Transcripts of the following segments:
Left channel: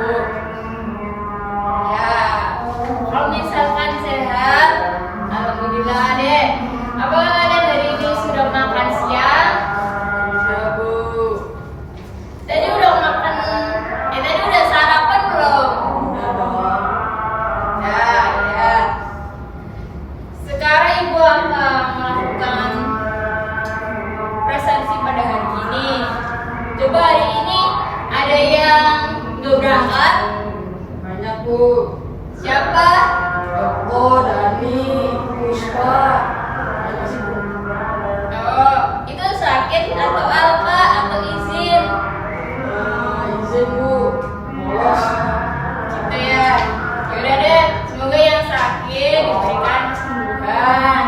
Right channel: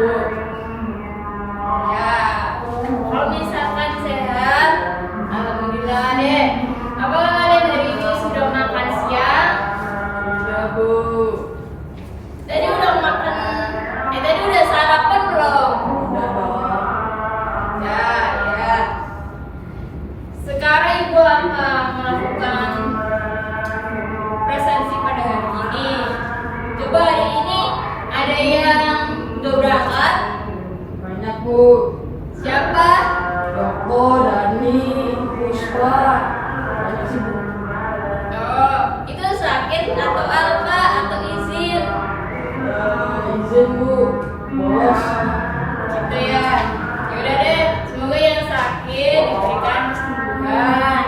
Bu. Ya, kalau misalkan sehat, alhamdulillah deh. Apakah kalian hari ini sudah makan siang? Sudah, Bu. Tadi udah makan, tadi udah sarapan belum? Sudah dong. Ya, ya. Sekarang ibu akan melakukan presensi pada hari ini. Coba hari ini ada yang udah berangkat? Banyak, Bu. Siapa? Beko, Dani, Puspa. Banyak sih, Bu. Oh, itu sakit atau apa atau izin? Izin, Bu. Bolos. Gitu ya. Yaudah deh, semoga yang sakit diberikan kesembuhan.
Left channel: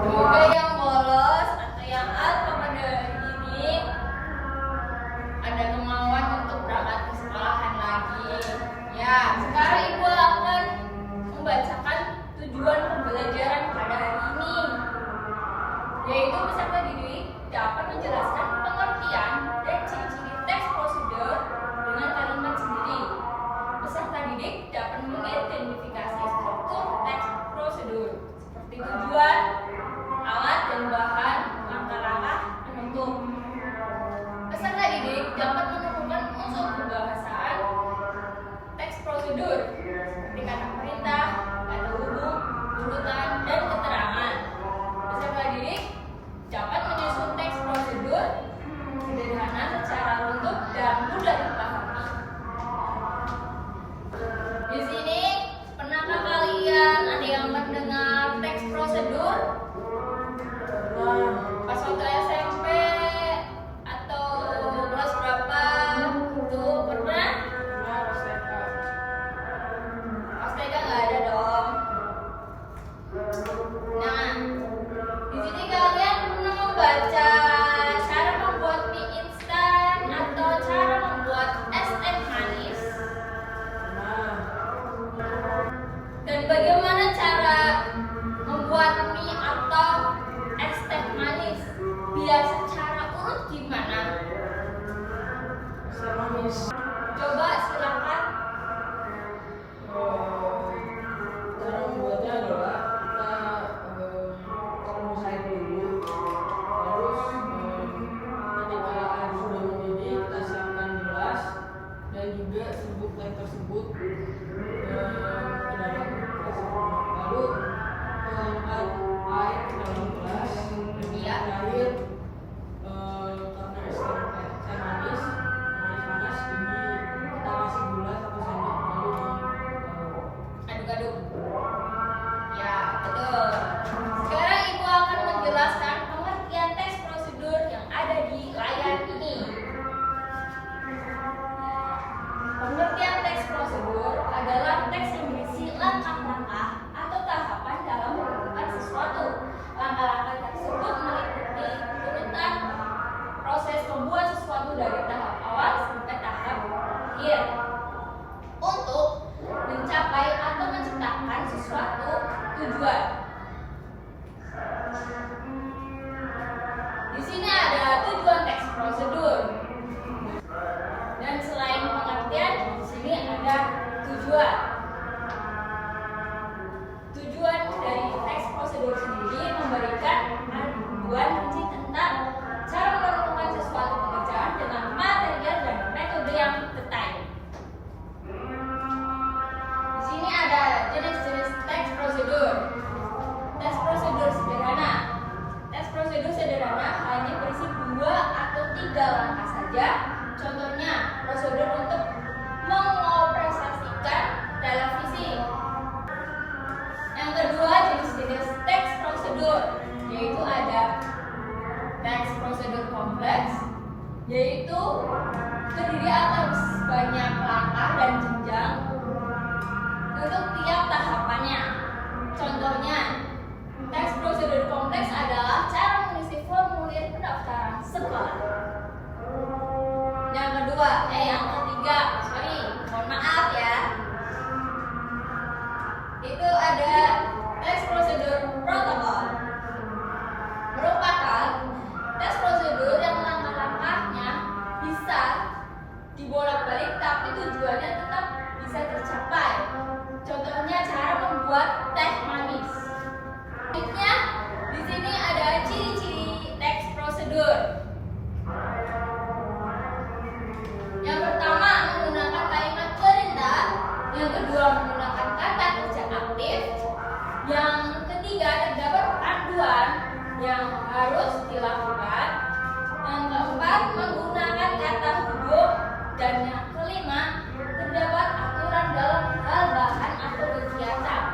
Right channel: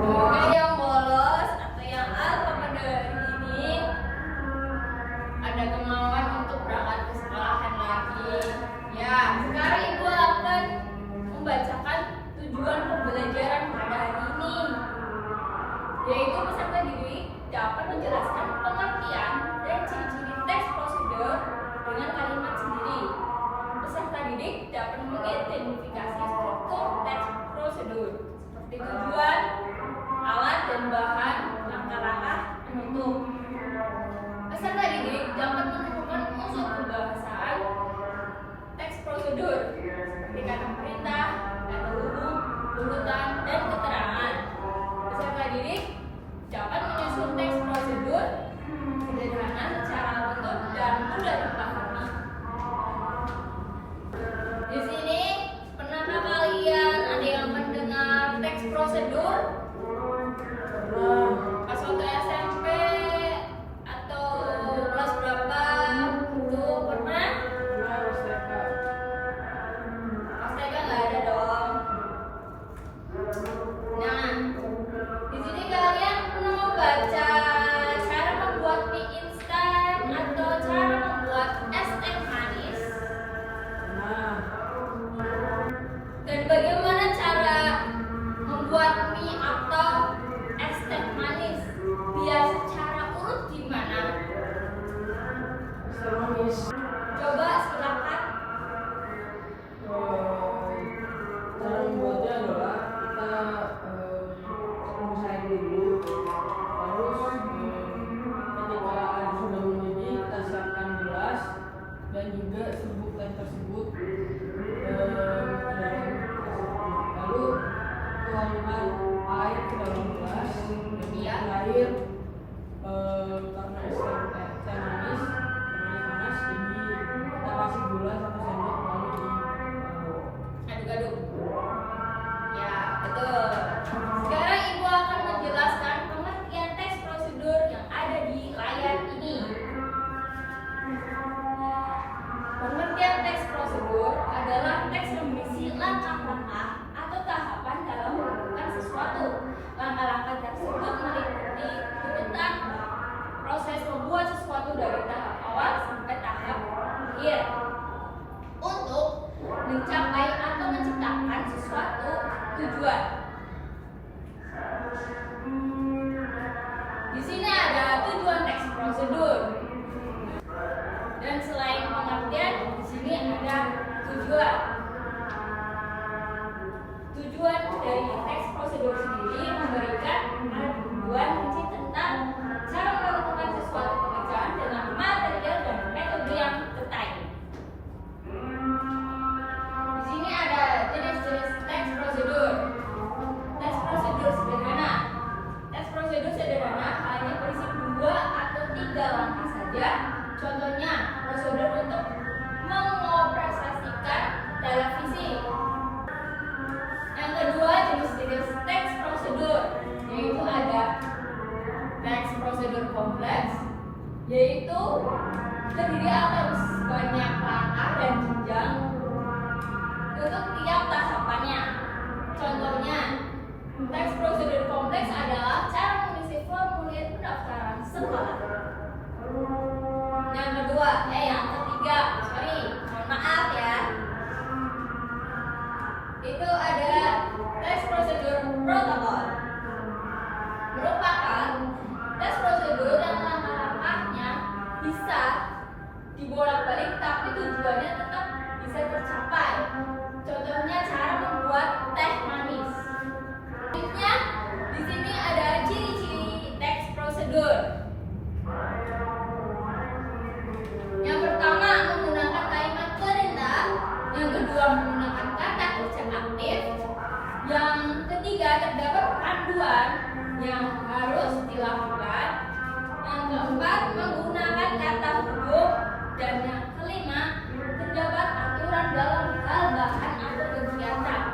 Semoga yang bolos atau yang alfa pada hari ini ada kemauan untuk berangkat ke sekolahan lagi. Ya, sekarang ibu akan membacakan tujuan pembelajaran pada hari ini, yaitu peserta didik dapat menjelaskan pengertian dan ciri-ciri teks prosedur dengan kalimat sendiri. Peserta didik dapat mengidentifikasi struktur teks prosedur seperti tujuan, alat dan bahan, langkah-langkah penutup. Peserta didik dapat menemukan unsur kebahasaan teks prosedur seperti kata perintah, kata hubung, urutan, dan keterangan. Peserta didik dapat menyusun teks prosedur sederhana secara tutup dan mudah dipahami. Di sini, pernahkah kalian ada yang mendengar teks prosedur? Pas waktu SMP atau kelas berapa? Tuh pernah? Pas TK nggak ada dong. Nah, di sini kalian pernah membaca cara membuat mie instan atau cara membuat es teh manis? Dan bagaimana cara membuat mie atau es teh manis biar secara urut gimana? Manis. Coba silakan. Cara membuatnya adalah kita rebusain dulu, terus ketika air sudah mendidih kita siapkan gelas dan juga serbuk teh tersebut ke dalam gelas tersebut. Lalu tuangkan air ke dalam gelas dan Iya. air karena es teh manis panas ini kita kasih gula 1 sendok lalu Aduk-aduk. Ya, betul. Sekarang ibu akan menjelaskan pengertian teks prosedur yang ada di layar ini. Pengertian teks prosedur adalah teks yang berisi langkah-langkah atau tahapan dalam melakukan sesuatu. Langkah-langkah tersebut meliputi urutan proses membuat sesuatu dari tahap awal sampai tahap akhir untuk mencapai atau menciptakan sesuatu tujuan. Di sini ada tujuan teks prosedur. Dan selain pengertian, di sini ada tujuan. Tujuan dari teks prosedur sendiri memberikan panduan kunci tentang cara melakukan sesuatu pekerjaan dengan material dan metode yang detail. Di sini ada jenis-jenis teks prosedur. Teks prosedur sederhana. Teks prosedur sederhana hanya berisi 2 atau 3 langkah saja. Contohnya, prosedur untuk mengoperasikan televisi. Yang kedua, jenis-jenis teks prosedur, yaitu ada bolak-balik tapi tujuannya tetap bisa tercapai. Contohnya cara membuat teh manis. Selanjutnya di sini ada ciri-ciri teks prosedur. Yang pertama menggunakan kalimat perintah, yang kedua menggunakan kata kerja aktif, yang ketiga terdapat panduan yang harus dilakukan, yang keempat menggunakan kata huruf, dan yang kelima terdapat aturan dalam hal bahan atau kegiatan.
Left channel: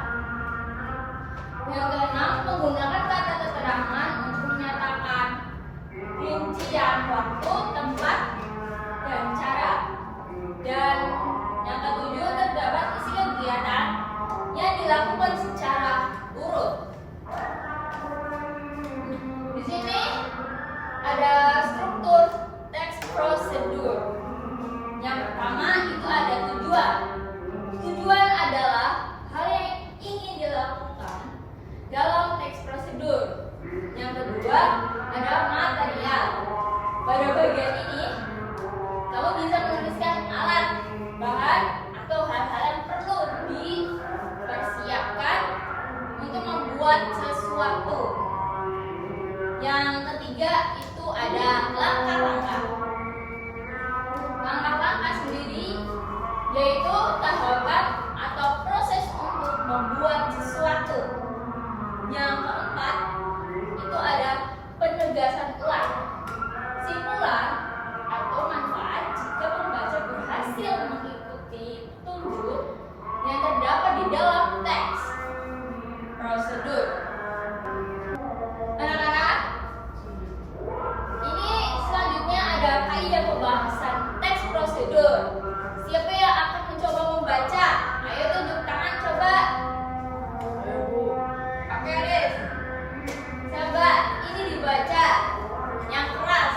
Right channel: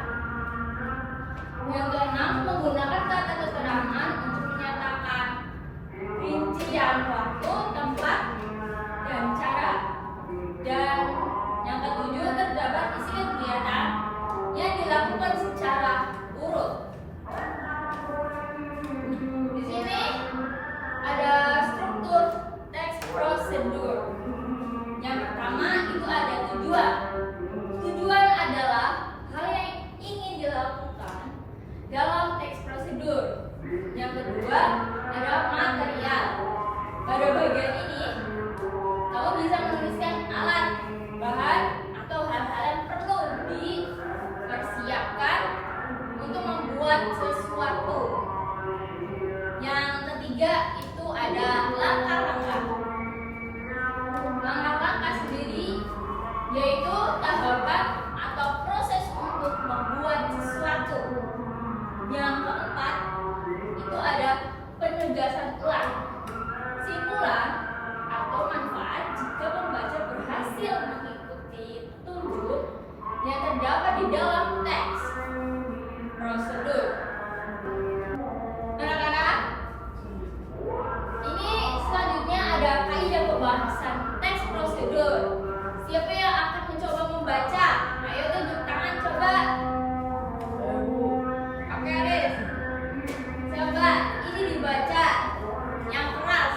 Yang keenam menggunakan kata keterangan untuk menyatakan rincian waktu, tempat, dan cara. Dan yang ketujuh terdapat isi kegiatan yang dilakukan secara urut. Di sini ada struktur teks prosedur. Yang pertama itu ada tujuan. Tujuan adalah hal yang ingin dilakukan dalam teks prosedur. Yang kedua ada material. Pada bagian ini kamu bisa menuliskan alat, bahan, atau hal-hal yang perlu dipersiapkan untuk membuat sesuatu. Yang ketiga itu ada langkah-langkah. Langkah-langkah sendiri yaitu tahapan atau proses untuk membuat sesuatu. Yang keempat itu ada penegasan ulang, simpulan atau manfaat jika pembaca berhasil mengikuti petunjuk yang terdapat di dalam teks prosedur. Anak-anak, ini selanjutnya ada kaidah pembahasan teks prosedur. Siapa yang akan mencoba membaca? Ayo tunjuk tangan coba. Oke, Riz. Coba ini dibaca yang keras.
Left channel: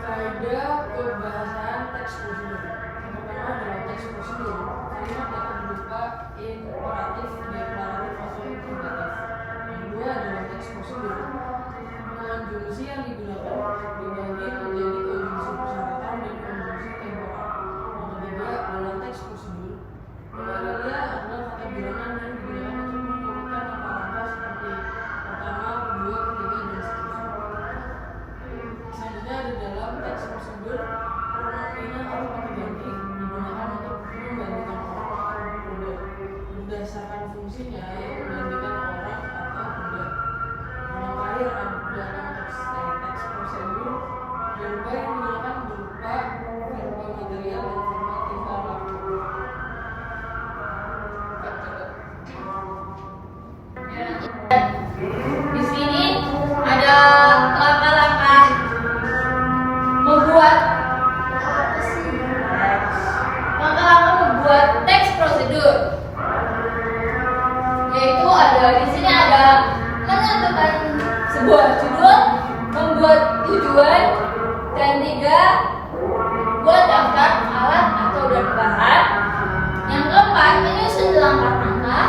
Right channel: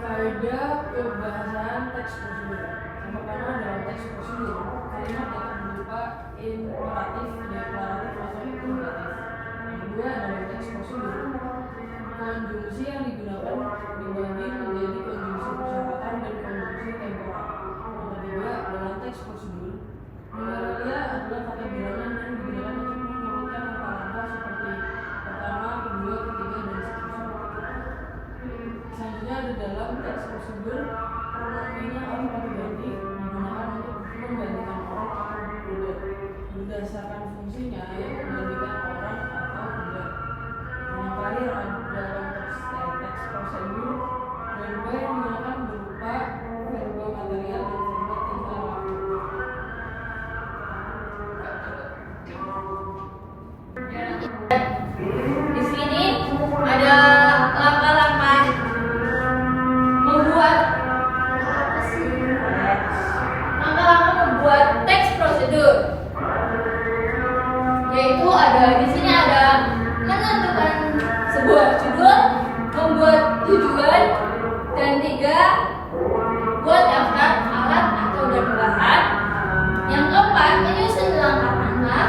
Kaidah pembahasan teks prosedur. Yang pertama dalam teks prosedur, kalimat dapat berupa imperatif, deklaratif, atau interrogatif. Yang kedua dalam teks prosedur, konjungsi yang digunakan dibagi menjadi konjungsi persyaratan dan konjungsi temporal. Yang ketiga dalam teks prosedur, realia adalah kata bilangan yang digunakan untuk menyebutkan langkah-langkah seperti pertama, kedua, ketiga, dan seterusnya. Selanjutnya di dalam teks prosedur, pronominnya harus pakai ganti digunakan untuk menggantikan orang atau benda berdasarkan fungsinya, yaitu menggantikan orang atau benda. Yang terakhir dalam teks prosedur, verba yang digunakan berupa verba material dan verba tingkah laku. Di sini ada langkah-langkah membuat teks prosedur. Yaitu ada di sini ada menentukan sebuah judul, membuat tujuan, dan tiga buat daftar alat atau dan bahan. Yang keempat menyusun langkah-langkah.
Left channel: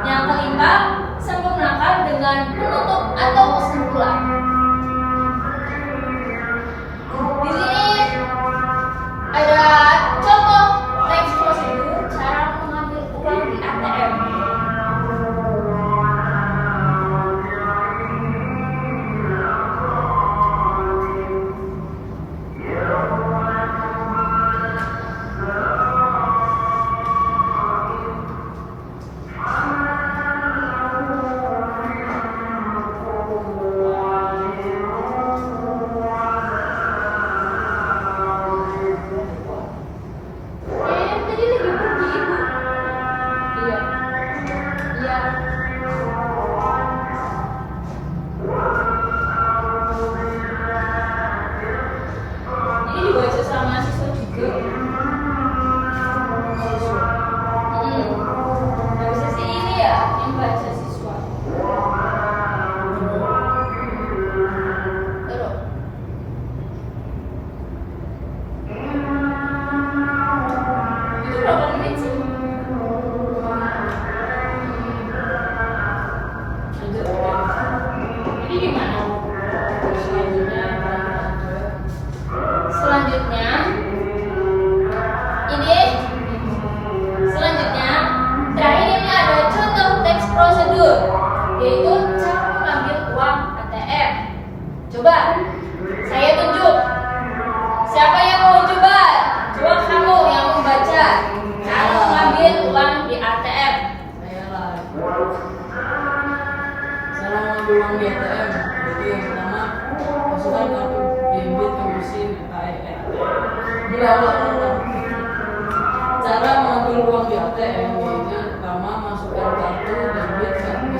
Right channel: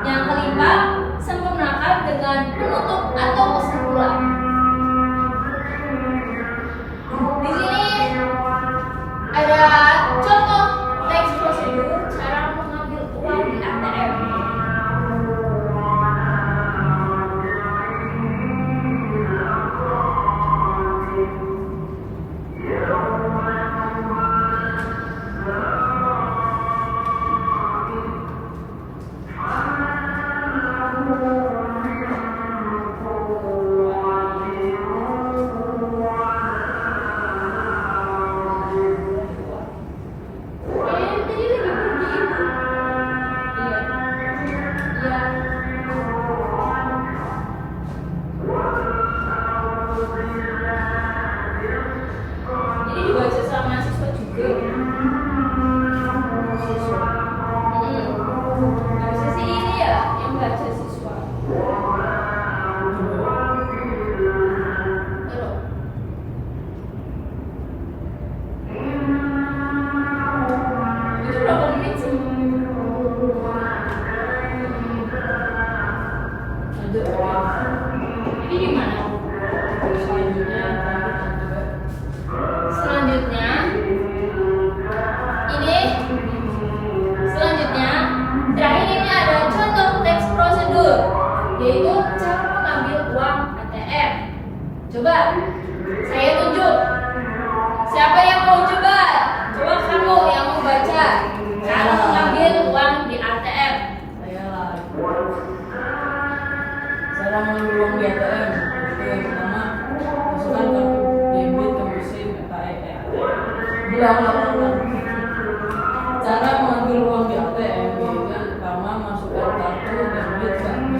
Yang kelima sempurnakan dengan penutup atau kesimpulan. Di sini ada contoh teks prosedur cara mengambil uang di ATM. Selanjutnya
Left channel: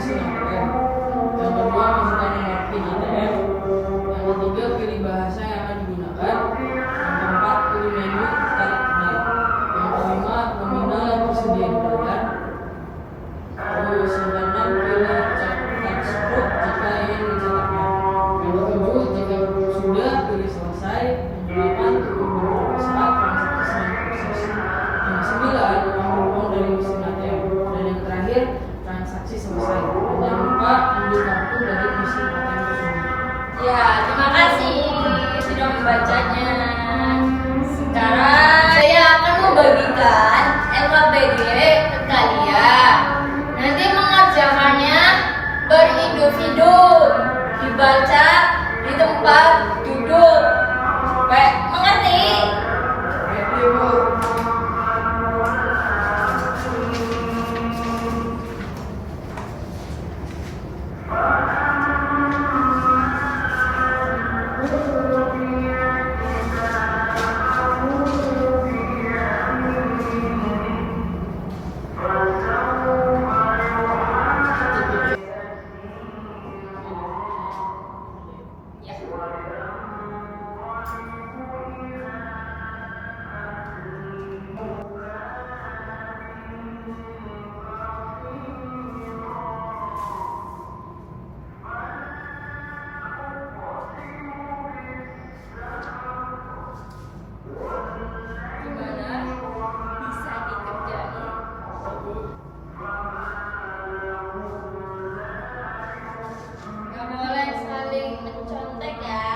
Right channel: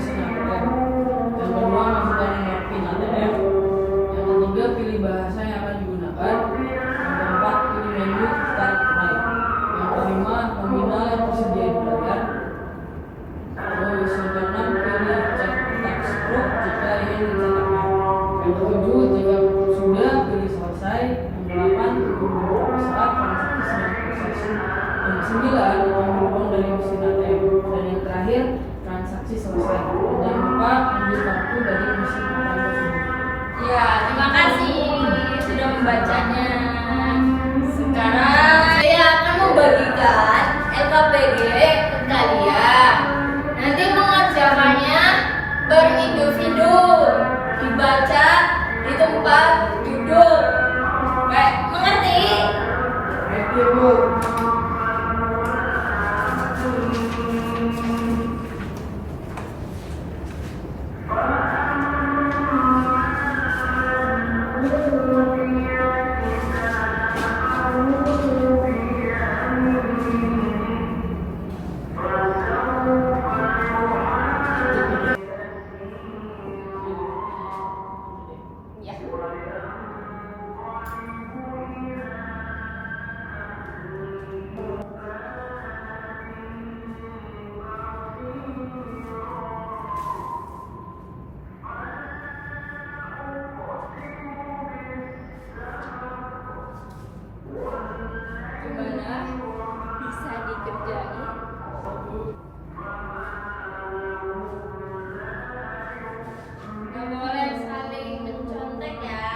mesin ATM. Yang kedua, masukkan nomor PIN ATM. Yang ketiga, pilih bahasa yang akan digunakan. Yang keempat, pilih menu tarik tunai. Yang kelima, nominal yang tersedia di layar. Terus yang keenam, pilih cek text proof jika ingin mencetaknya. Yang ketujuh, jika sudah, pilih selesai. Yang delapan, tunggu beberapa saat transaksi sedang proses. Yang sembilan, ambil uang dari mesin ATM. Dan yang terakhir, transaksi selesai. Dan jangan lupa ambil kartu dari mesin ATM tersebut. Ya, terima kasih sudah membacanya. Sekarang saya akan membagikan LKPD ke kalian. Nanti mengerjakannya berindividu, dibaca di tempat duduk. Baik, mengerti? Mengerti, Bu. Ya. Gimana? Bisa dikerjain? Gak boleh saling mencontek ya.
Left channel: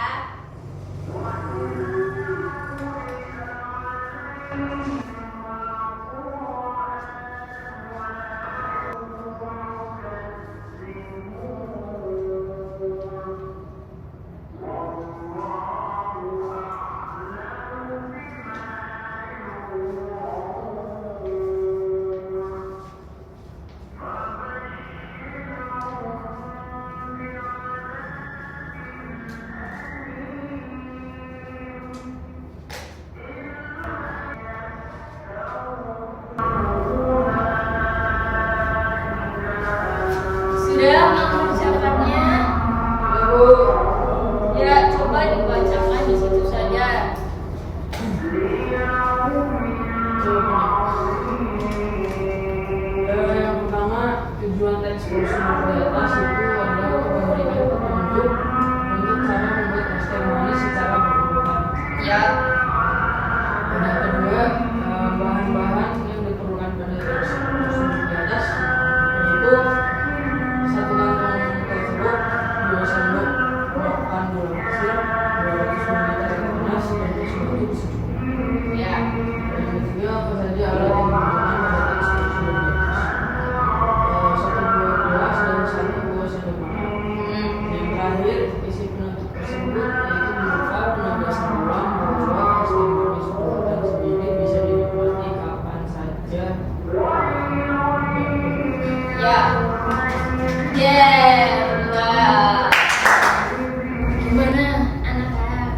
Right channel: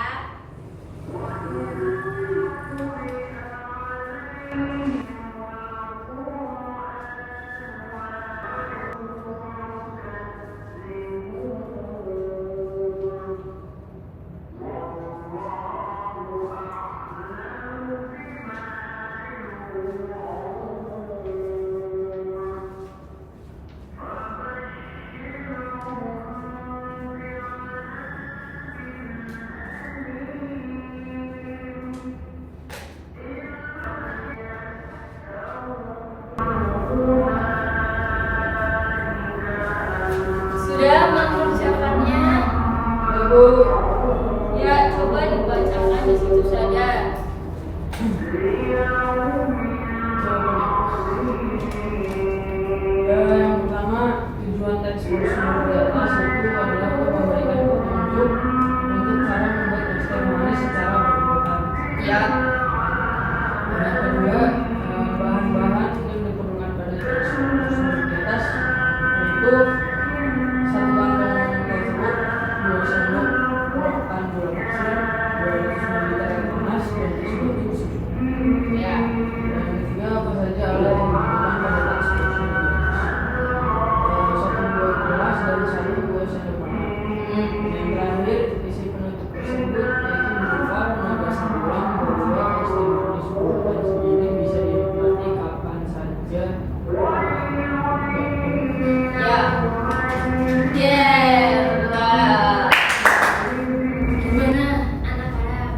Sudah mengerjakannya? Ya, Bu. Ya, coba dibacakan di situ saja. Yang pertama, tujuan teks prosedur di atas itu adalah untuk memberikan petunjuk untuk cara membuat teks manis secara berurutan. Ya. Dan yang kedua, bahan-bahan yang diperlukan pada teks prosedur di atas yaitu satu kantong teksbook, 2 sendok makan gula pasir, 200 ml air panas, dan tes baju secukupnya. Ya. Dan yang ketiga, apa saja alat yang diperlukan pada teks prosedur di atas. Satu buah gelas dan satu buah sendok makan. Yang terakhir, isi penutup tersebut yaitu berupa penegasan ulang bahwa es teh manis buatan sendiri bisa dinikmati kapan saja. Ya. Wah. Gimana anak-anak?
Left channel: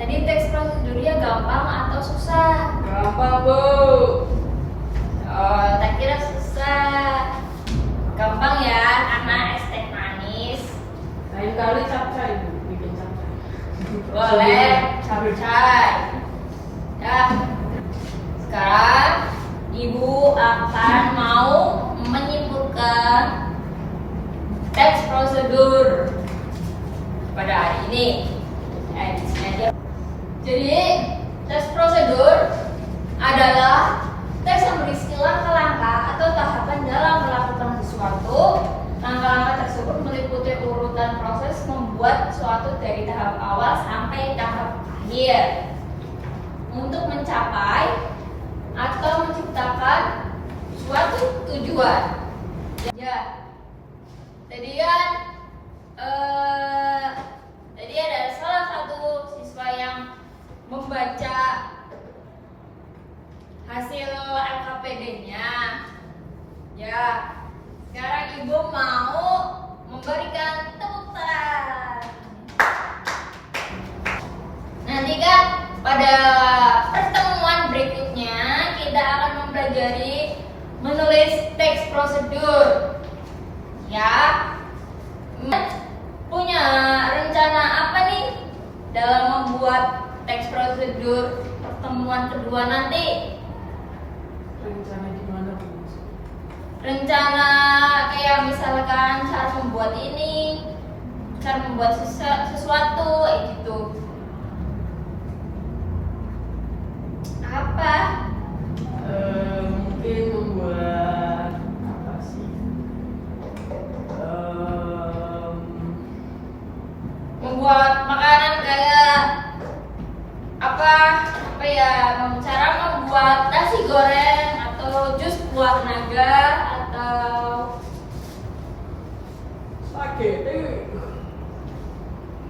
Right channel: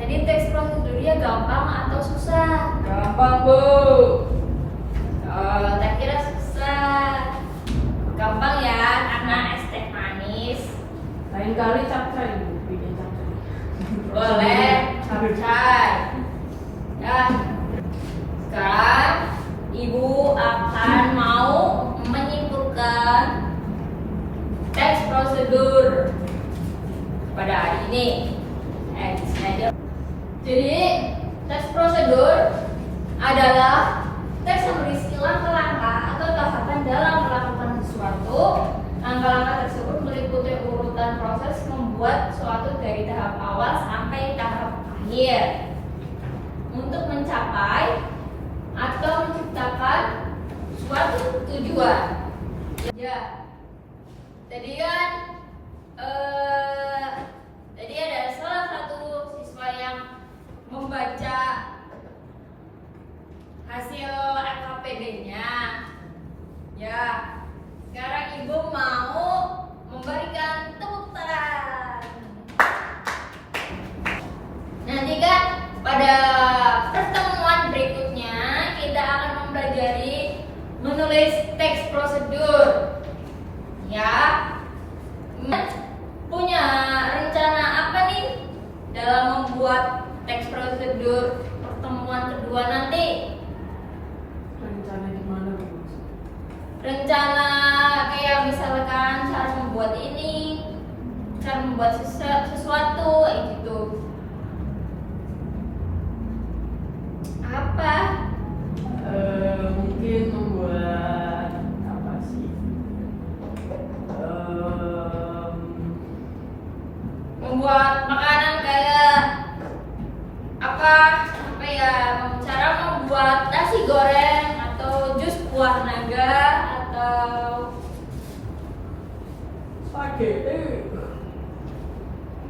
Tadi teks prosedurnya gampang atau susah? Gampang, Bu. Oh, tak kira susah. Gampang ya, karena es teh manis. Lain kali capcay, Bu. Bikin capcay. Boleh, capcay. Ya. Sekarang Ibu akan mau menyimpulkan teks prosedur pada hari ini. Di sini aja. Jadi, teks prosedur adalah teks yang berisi langkah-langkah atau tahapan dalam melakukan sesuatu. Langkah-langkah tersebut meliputi urutan proses membuat suatu dari tahap awal sampai tahap akhir untuk mencapai atau menciptakan suatu tujuan. Ya, tadi kan tadi ada salah satu siswa yang membaca hasil LKPD-nya. Ya, sekarang Ibu mau memberikan tepuk tangan. Nanti kan pada pertemuan berikutnya kita akan mempelajari menulis teks prosedur. ya. Punya rencana apa nih dalam membuat teks prosedur pertemuan kedua nanti? Rencana gimana Bu? Rencana kayak misalkan cara membuat ini, cara membuat sesuatu kayak gitu. Apa? Mungkin membuat apa sih? Membuat makanan kayak apa ya, cara membuat nasi goreng atau jus buah naga atau Spaghetti.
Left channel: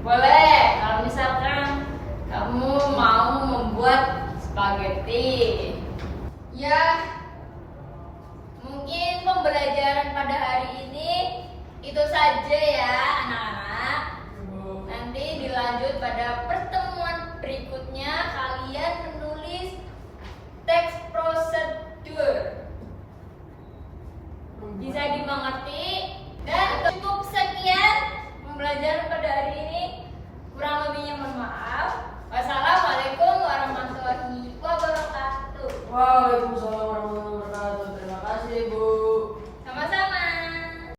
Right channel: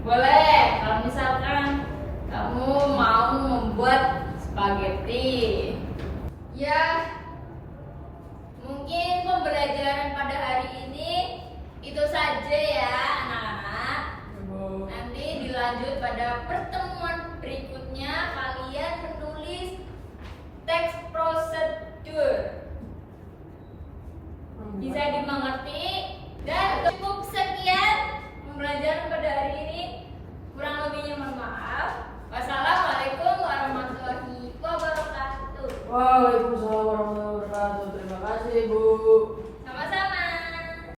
boleh kalau misalkan kamu mau membuat spaghetti. Ya, mungkin pembelajaran pada hari ini itu saja ya anak-anak. Nanti dilanjut pada pertemuan berikutnya, kalian menulis teks prosedur. Bisa dimengerti? Dan cukup sekian pembelajaran pada hari ini. Kurang lebihnya mohon maaf. Wassalamualaikum warahmatullahi wabarakatuh. Waalaikumsalam warahmatullahi wabarakatuh. Terima kasih Bu.